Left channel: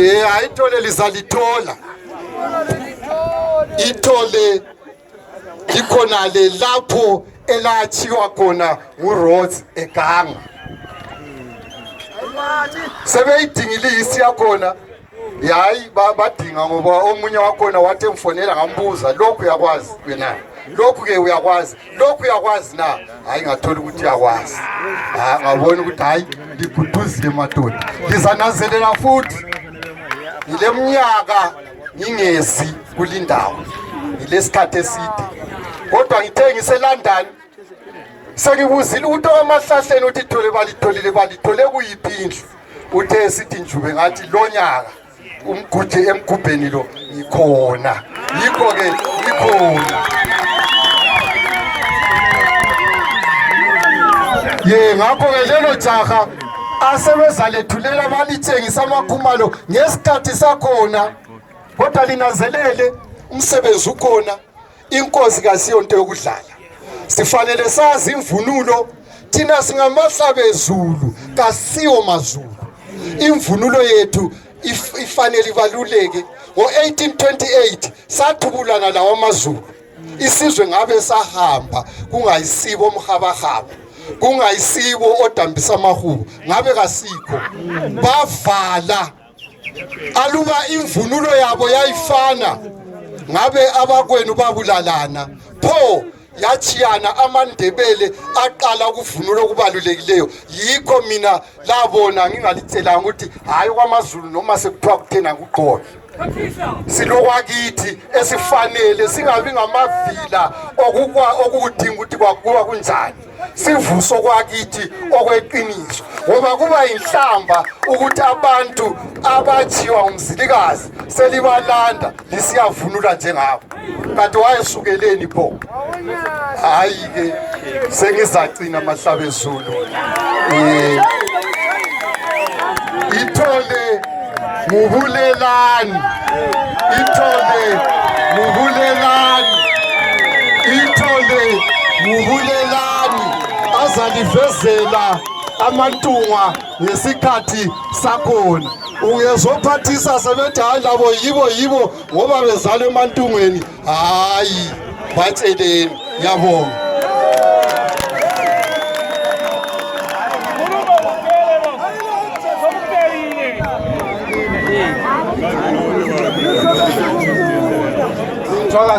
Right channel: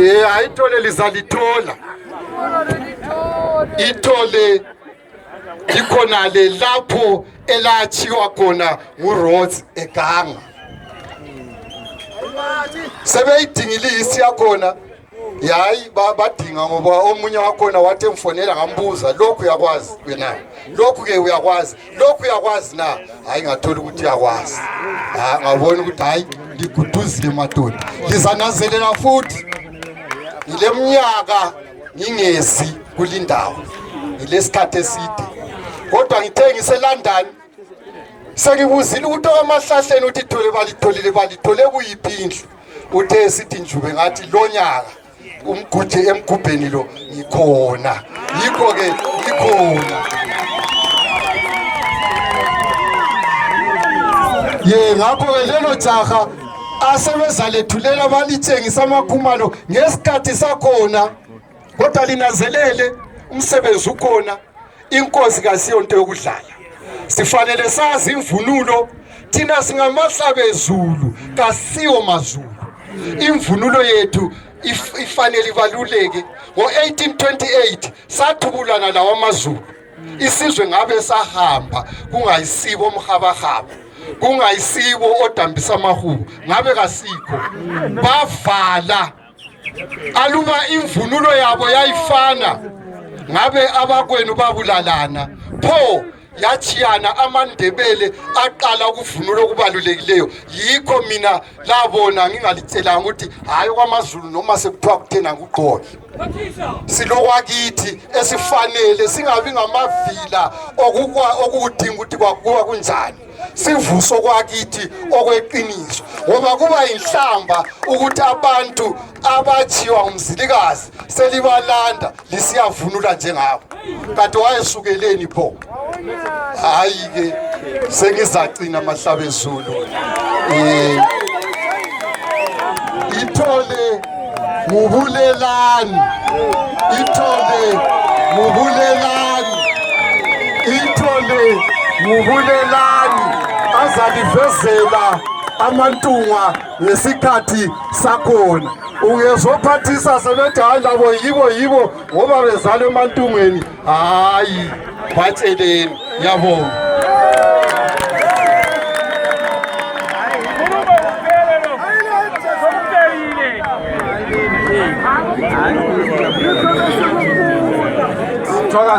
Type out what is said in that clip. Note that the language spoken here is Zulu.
ayithole lizalithola ithole likhona le lapho elachiwa khona nguRhodes eGanga sebeyidingile isiyakhona yayi badinga ngoba omunye wakhona wathi emfonela ngambuza lokhu uyakwazi wena lokhu ke uyakwazi na hayi ngathola ukuthi uyakwazi ngabona ukuthi hayi liguduzile madoda lizanazelela futhi ile mnyaka ngingezi kulindawo ilesikhathe eside kodwa ngithe ngiseLondon sengibuzile ukuthi amahlahleni uthi balithole kuyiphi indlu uthe sithi njube ngathi lonyaka umguje emgubheni lo ngikhona yikho ke ngikhona ngakho ke lelo jaha asebezalethulela balithengisa amakhumalo ngesikhathi sakhona kodwa linazelele umsebenzi ukhona inkosi kasiyonto yokudlala sifanele sazi imvunulo thina singamahlabezulu kasiyo mazulu imvunulo yethu ifanele ibaluleke ngo1828 sathubulana lawo amazulu isizwe ngabe sahamba kungayisibo omhabahaba kungayisibo odambisa amahubo ngabe kasikho bavala aluba imvunulo yabo yayifana ngabe abakwenu babulalana pho yachiyana amandebele aqala ukuvunula okubalulekileyo yikho mina labona ngingalithelanga ukuthi hayi kwamazulu noma sekuthiwa kuthena kuqola silokwakithi esifanele singabi ngamavila okudinga ukuthi kwakuwa kunjani sivuso kwakithi okweqiniso ngoba kuba inhlamba ukuthi abantu abajiwa umzilikazi selibalanda lisiyavunula njengabo kanti wayesukeleni pho hayi ke sengizacina amahlabezulu ithole ngubulelani ithole ngubulelani azalivezela amantunga ngesikhathi sakhona ungezophathisa sebethi hayi labo yibo ngoba bezalwe emantungweni hayi batsheleni ngiyabonga Joga